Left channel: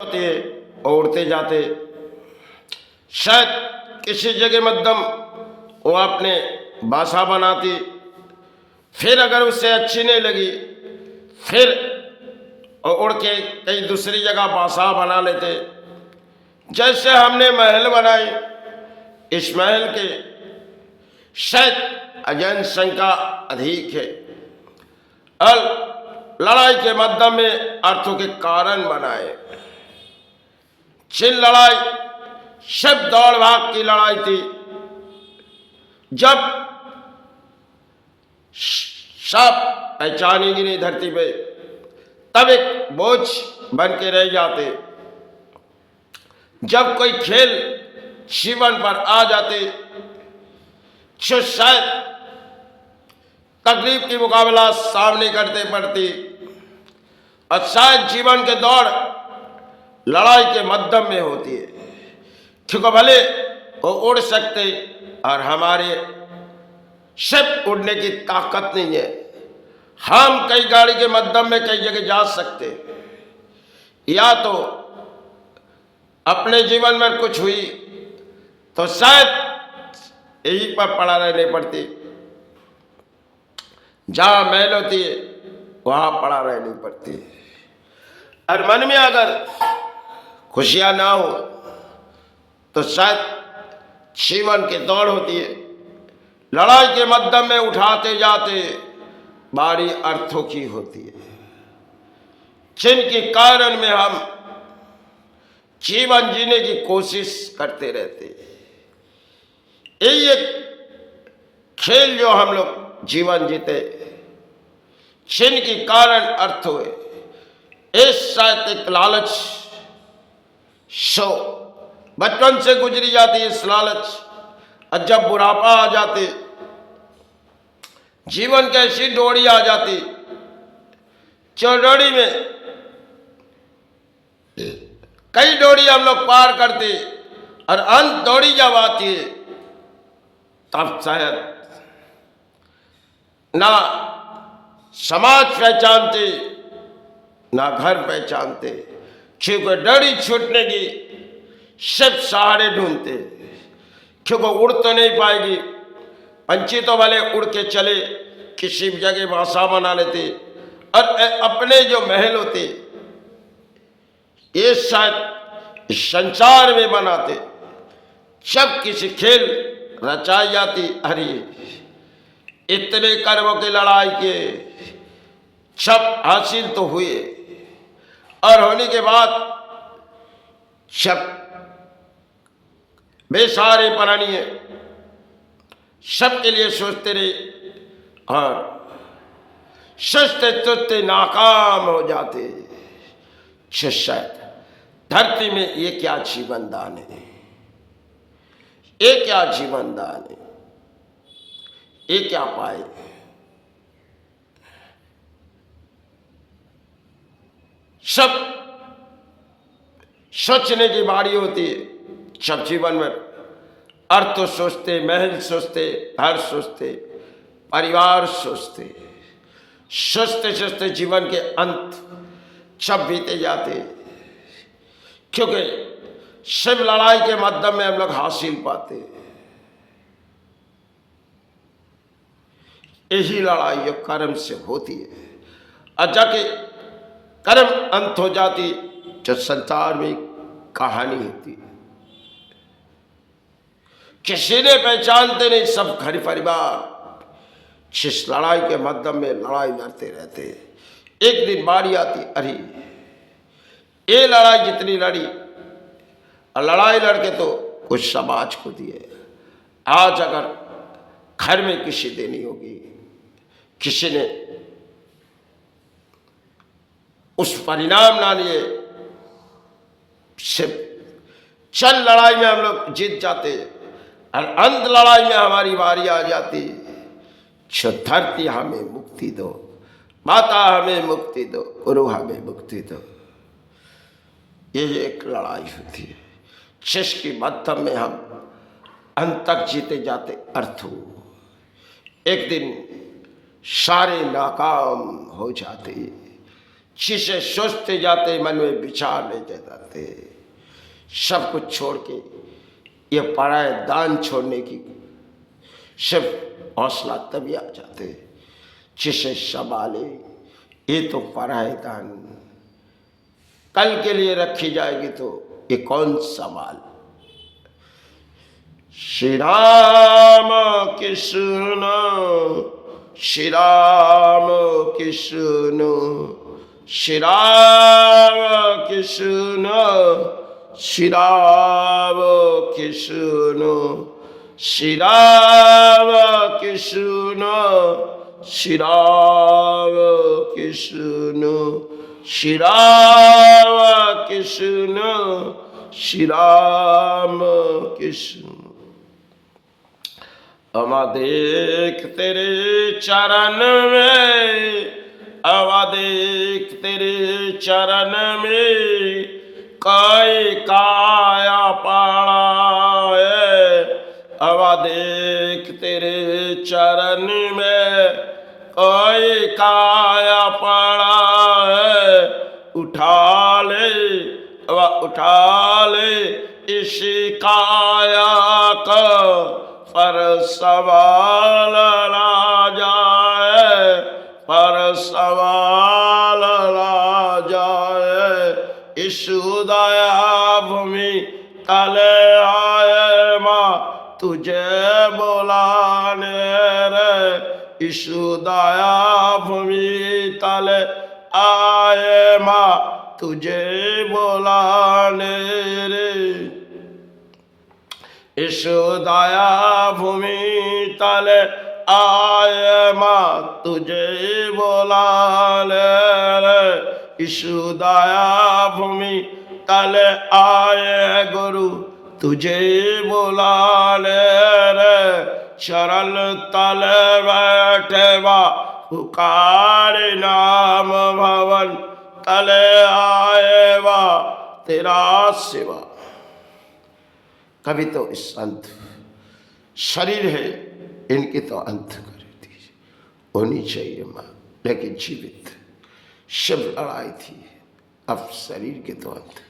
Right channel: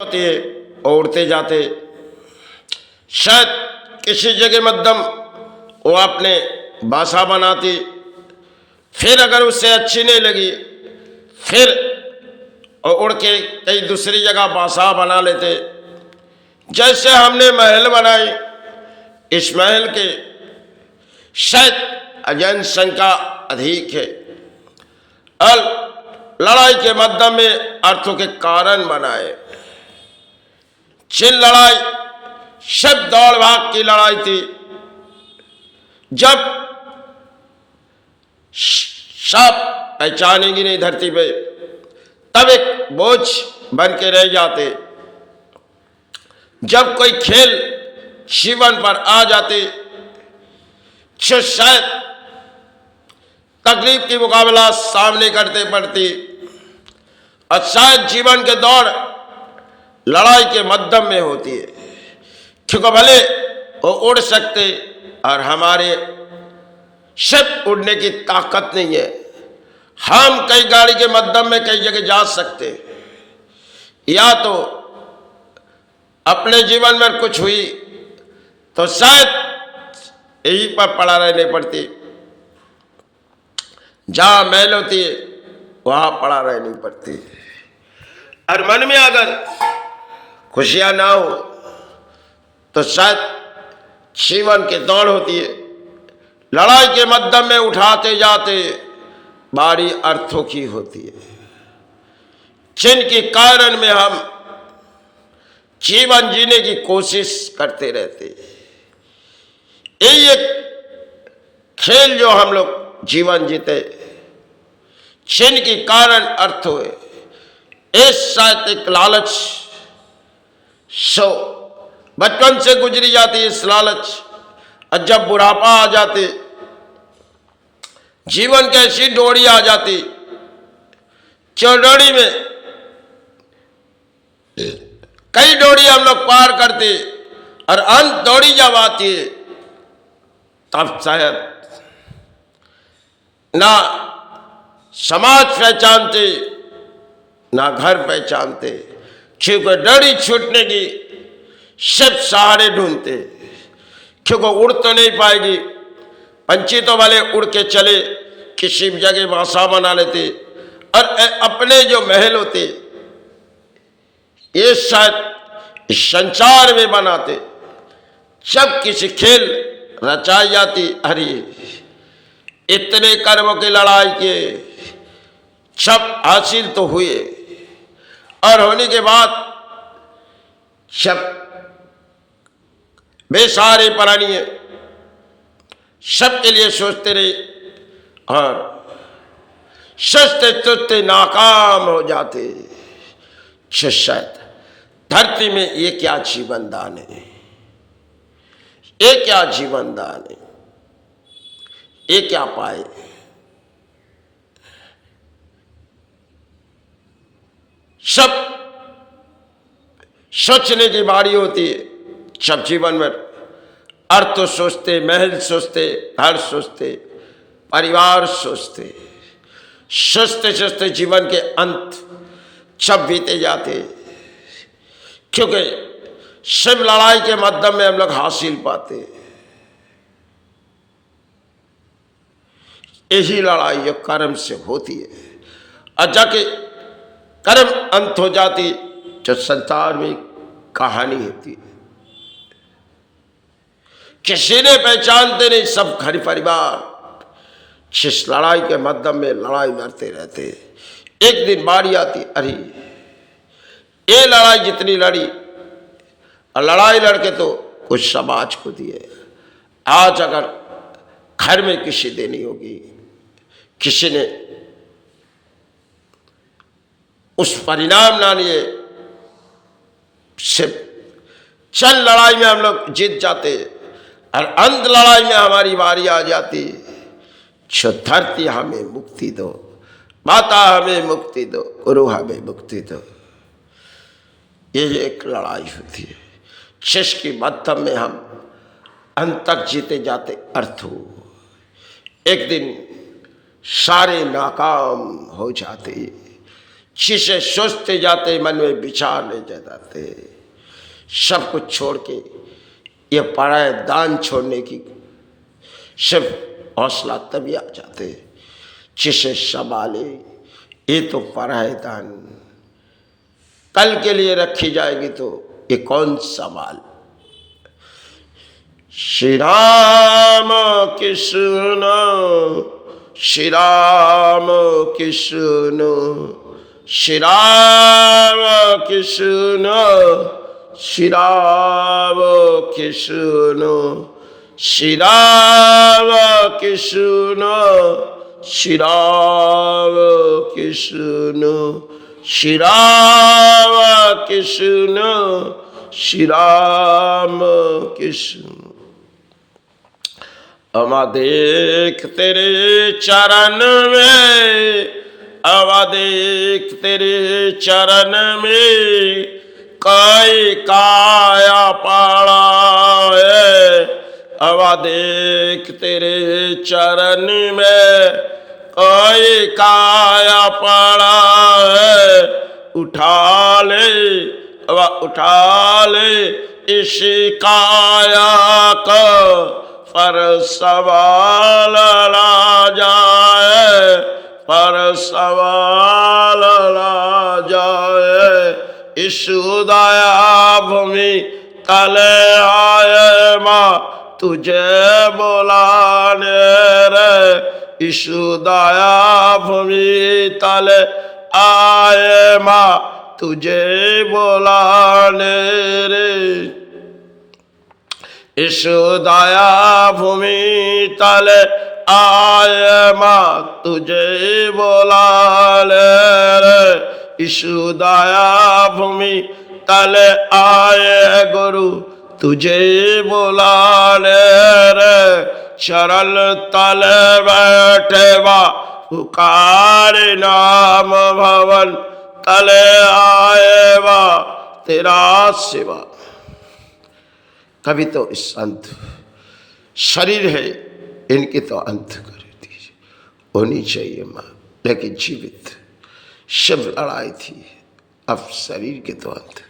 होती है और उड़ते जाते, शायद किसी जगह मध्यम वो अपने बासा बनाती, फिर अगर उससे अच्छी नहीं लगी फिर उड़ के कई दूसरी जगह बासा बना लेते। जैसे हमने महल बनाए, इस महल के शायद अजैन संख्या अधिक है और लड़ाई के मध्यम में अर्थों के कारण बनाए। जिन लड़ाई सब दौड़ भाग की लड़ाई थी, जब सब पहचानेंगी नहीं धरती पे, तब एक बोझ बन के रह जाते। जब कोई खेल जीवन पर आ जाते तो शायद तकलीफ की मुकाबला सामने करते पड़ती और शायद जीवन के दौड़ लड़ाई के मध्यम में होती है, क्योंकि भले वो उड़ सकते और हमारे सब उड़ने की ताकत नहीं है। हम कई गाड़ी के मध्यम में कई जगह जा सकते, या तो अपने जीवन में कुछ हुई तो शायद यहीं पर पड़ा रहने पड़ती, जहां महल होती है वहां पड़ा रहनी पड़ती। और मन में अगर खुशियां ना हो तो शायद जीवन की दौड़ होती है, लड़ाई के मध्यम में उठाते जाते बारी अर्थों की होती है, जिनके कारण में हम जीवन जीने की कोशिश करते रहते। यही एक खेल जो हम लोग जीवन जीते, जिनके कारण अर्थ हुए, इस शायद एक लालच सो बचपन से गुजरी जाती है इस लालच, और जब बुढ़ापा आ जाते, जीवन की ऐसी डोरी आ जाती, चौडोरी में कई डोरी हम लोग पार करते और अंत दौड़ी जब आती है, तब शायद ना समाज पहचानते ना घर पहचानते, क्योंकि डोरी छूटने की सब सहारे ढूंढते, क्योंकि उड़ तो नहीं पाएगी। पंछी तो भले उड़ के चले, किसी भी जगह बासा बना लेते और अपने जो महल होते ये शायद इस संसार में बनाते। जब किसी खेल रचाई जाती, अरे इतने कर्मों की लड़ाई के सब हासिल तो हुए, और होने के बाद सब बेसहारे प्राणी है, सबके लिए सोचते रहे और सोचते सोचते नाकाम हो जाते। शायद धरती में ये क्या जीवन दान है, ये क्या जीवन दान है, ये क्या पाए। सब सोचने की बारी होती है, सब जीवन में अर्थ सोचते, महल सोचते, घर सोचते, परिवार सोचते, सोचते सोचते जीवन के अंत सब बीते जाते, क्योंकि सब लड़ाई के मध्यम में हम लोग हासिल पाते। यही लड़ाई जो कर्म से होती है, और जाके कर्म अंत हो जाती जो संसार में कहानी होती है। किसी ने पहचानते नहीं, सब घर परिवार जिस लड़ाई के मध्यम में लड़ाई लड़ते रहते। एक दिन बारी आती, अरे ये लड़ाई जितनी लड़ी और लड़ाई लड़के तो कुछ समाज को दिए, आज अगर घर में किसी देनी होगी, किसी ने उस परिणाम ना लिए, सिर्फ चल लड़ाई में हम लोग जीत जाते और अंत लड़ाई में हमारी बारी आ जाती। जो धरती हमें मुक्ति दो, माता हमें मुक्ति दो, गुरु हमें मुक्ति दो, ये एक लड़ाई होती है जिसकी मध्यम में हम अंत तक जीते जाते। अर्थ हो एक दिन सारे नाकाम हो जाते, शीशे सोचते जाते, मन में विचार ले जाते, सब कुछ छोड़ के ये पराये दान छोड़ने की सिर्फ हौसला तभी आ जाते। शीशे संभाले, ये तो पराये दान कल के लिए रखी जाएगी तो ये कौन संभाल। श्री राम कृष्ण, श्री राम कृष्ण, श्री राम कृष्ण, श्री राम कृष्ण, श्री राम कृष्ण, श्री राम कृष्ण, श्री राम कृष्ण, श्री राम कृष्ण। अवधेख तेरे चरण में, अवधेख तेरे चरण में कई काया पड़ा है। अवधेख तेरे चरण में कई काया पड़ा है। उठा ले, उठा ले इस काया को, पर सवाल ला जाए, पर सवाल ला जाए। इस दया भूमि तले आए माँ तुझे बुलाने रे। इस दया भूमि तले आए माँ तुझे बुलाने रे। इस दया भूमि तले आए माँ तुझे बुलाने रे। इस दया भूमि तले आए गुरु तुझे बुलाने रे। चरण तले बैठे बा पुकार नाम भवन तले आए बा तेरा सेवा। कभी तो इस अंत शरीर है इनके तो अंत कर दीजिए, होनी चाहिए माँ, लेकिन जीवित शिव लड़ाई थी, अब शरीर के तो अंत।